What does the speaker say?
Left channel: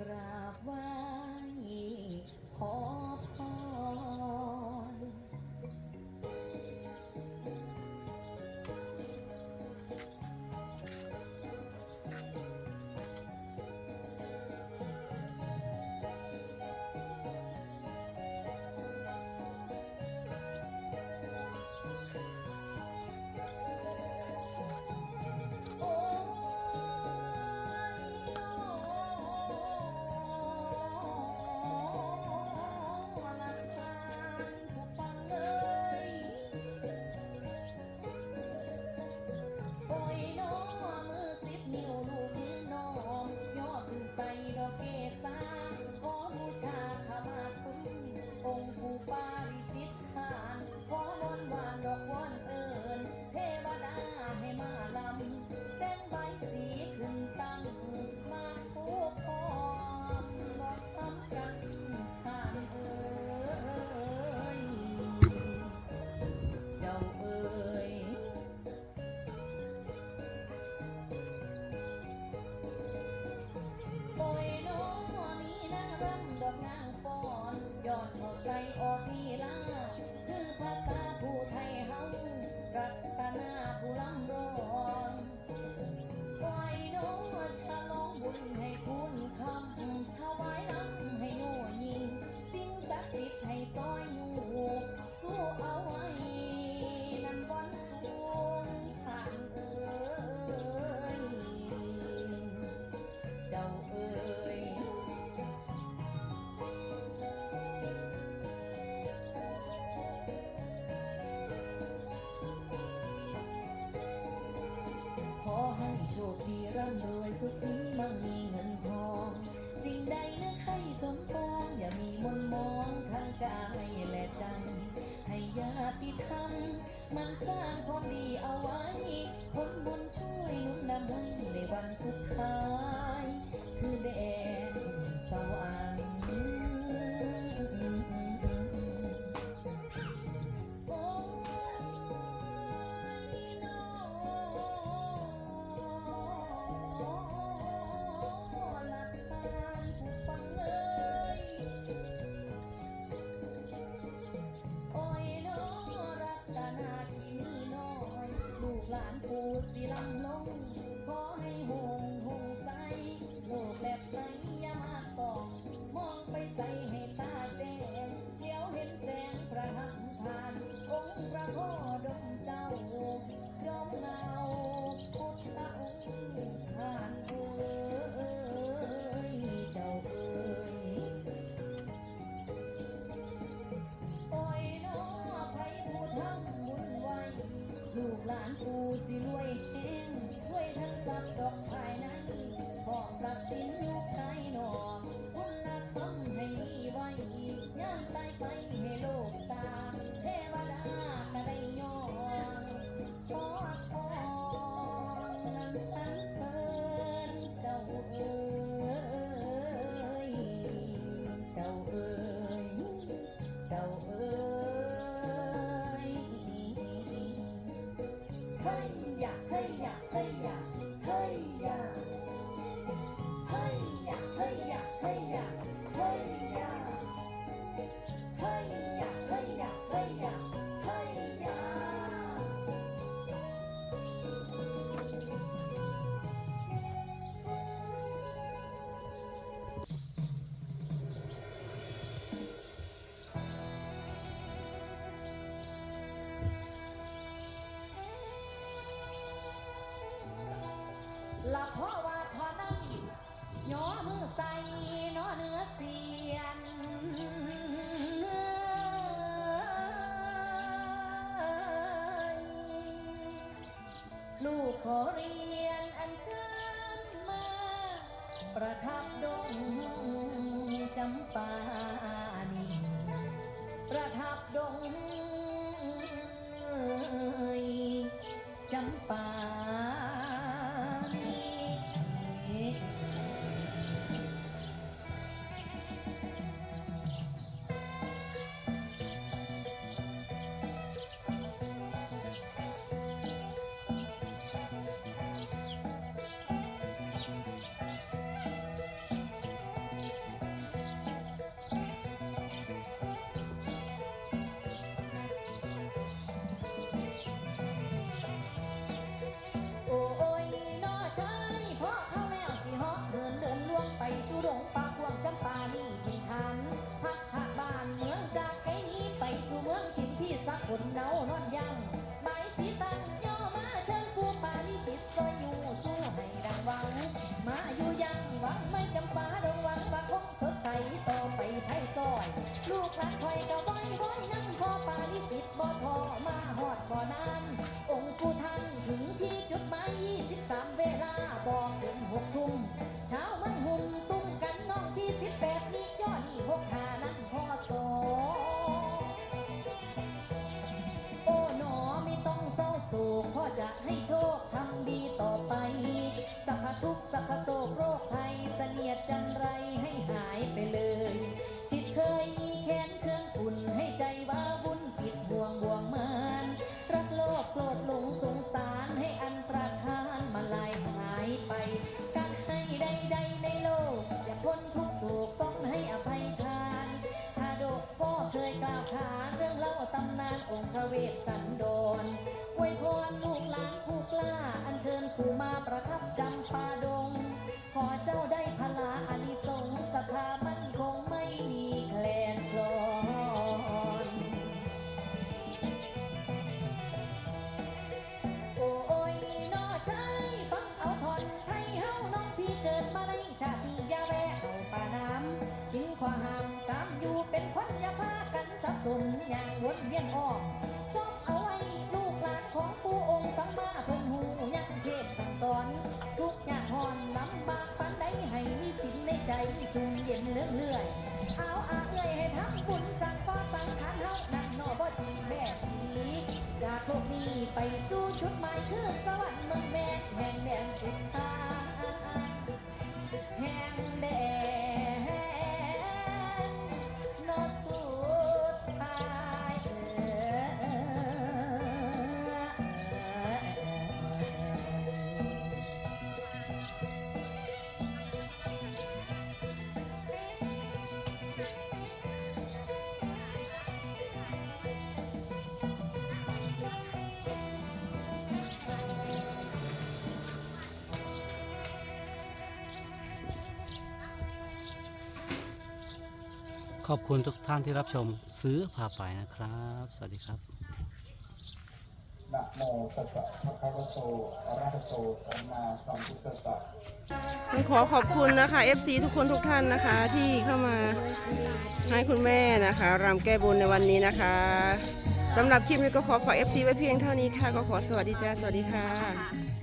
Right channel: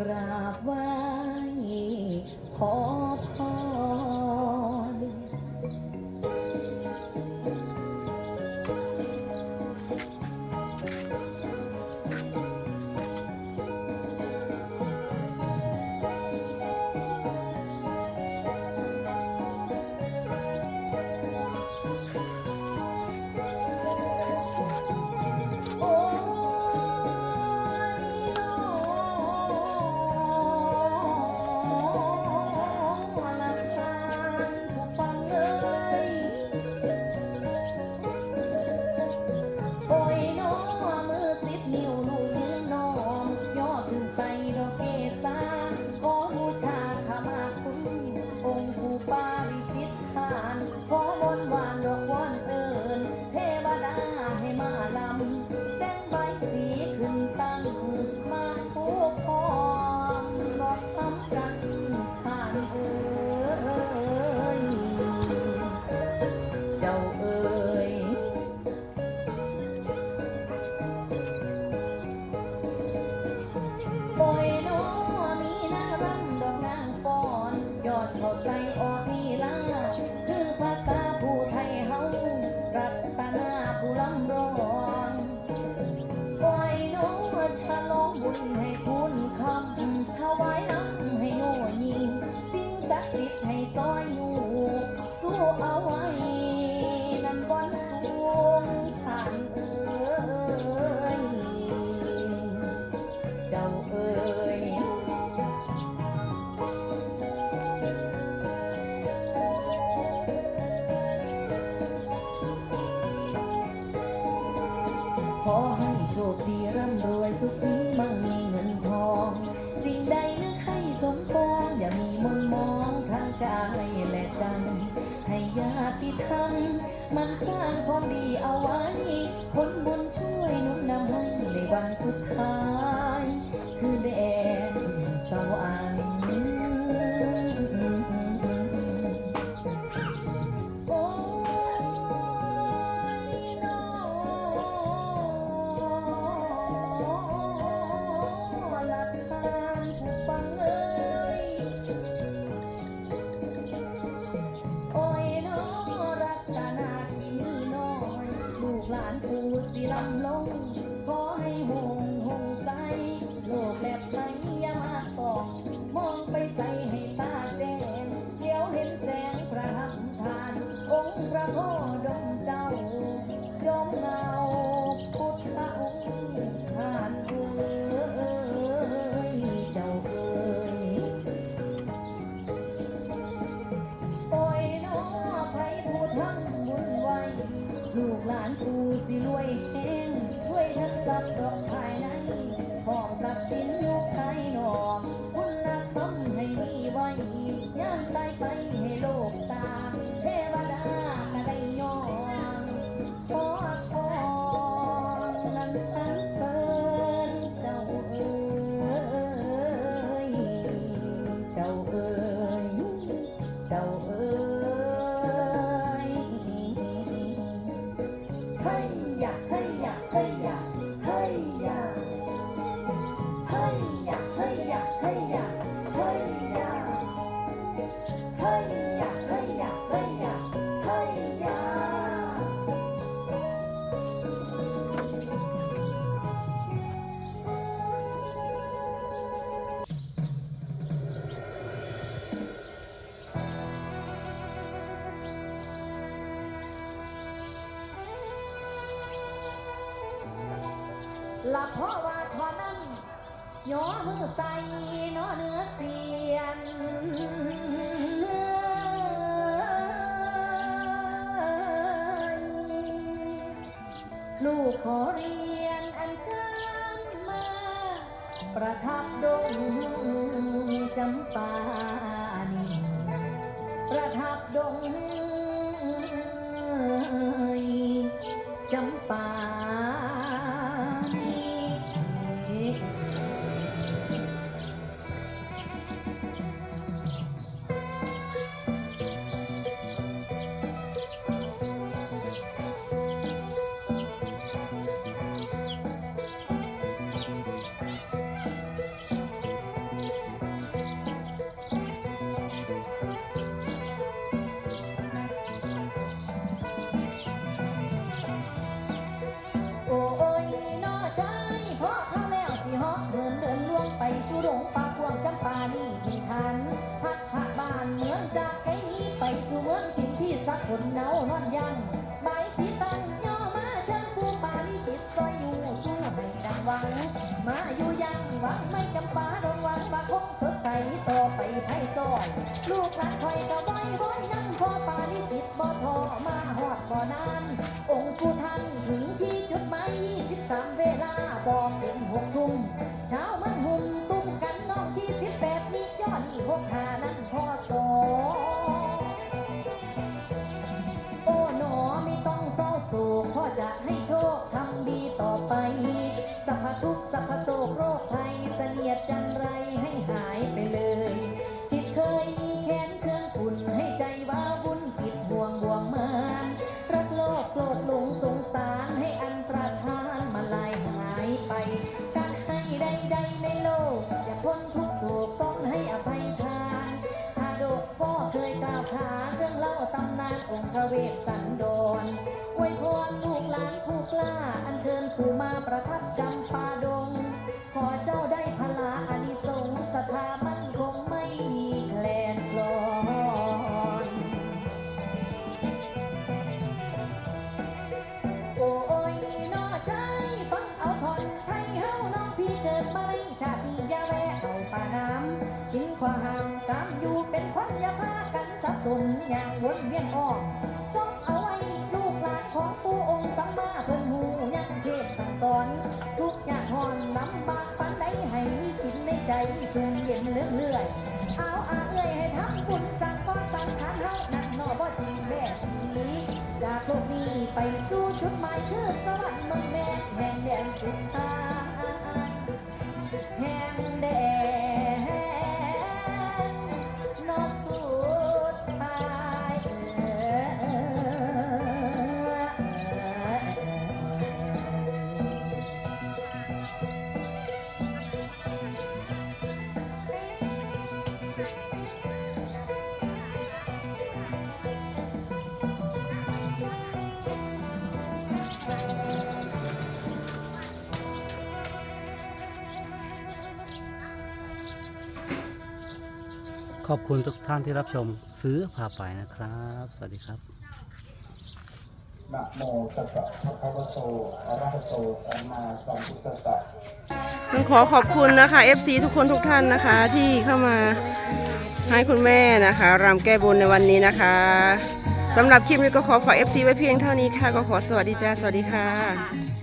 กราบไหว้ขอ โชคดีร่ำรวยสุขีมั่งมีเงินทอง สิ่งใดนึกให้สมปองอย่ามีมนมองทางกายและใจให้ญาติธรรมมันสร้างความดีเอาไว้ผลบุญช่วยนุนนำให้ในวันสุดท้าย หลับเพราะว่าทอนั่งย้อมือใส่น้อเนื้อเตียนลูกขอเรียนอันเชิญมา ประทับดงจำปานีประทับดงจำปา คนเน่านอนยังใบที่ตันย่อมาจังผู้ปจิตก็อยู่สู้ให้ดังวัง มาอยู่ยังวังไม่จำปาดนวังมาคงสดใต่อไปให้ซอย ลูกหานคอยก that. ลุ่อย่างวนเวียนอ้อมจงเอาไว้ลูกหลานของปู่องค์สัมมาเนหูยังเทศตอนทุกอย่างหอนน้ำบากปันได้ให้มีกินในใจสูงเย็นเลื่อย ขอบคุณทุกท่านที่รับชมซื้อพาไปนะครับ สวัสดีครับนะโมตัสสะภะคะวะโตอะระหะโตสัมมาสัมพุทธัสสะต้องขอขอบคุณนะคะ FC ทุกคนทุกท่านนะคะ ที่เข้ามาให้คุณแม่นะคะรำแก้บนในวันนี้นะคะสำหรับคลิปนี้ก็ขอฝาก FC ไว้เพียงเท่านี้ค่ะ ก็ขอสวัสดีจ้า สวัสดีค่ะ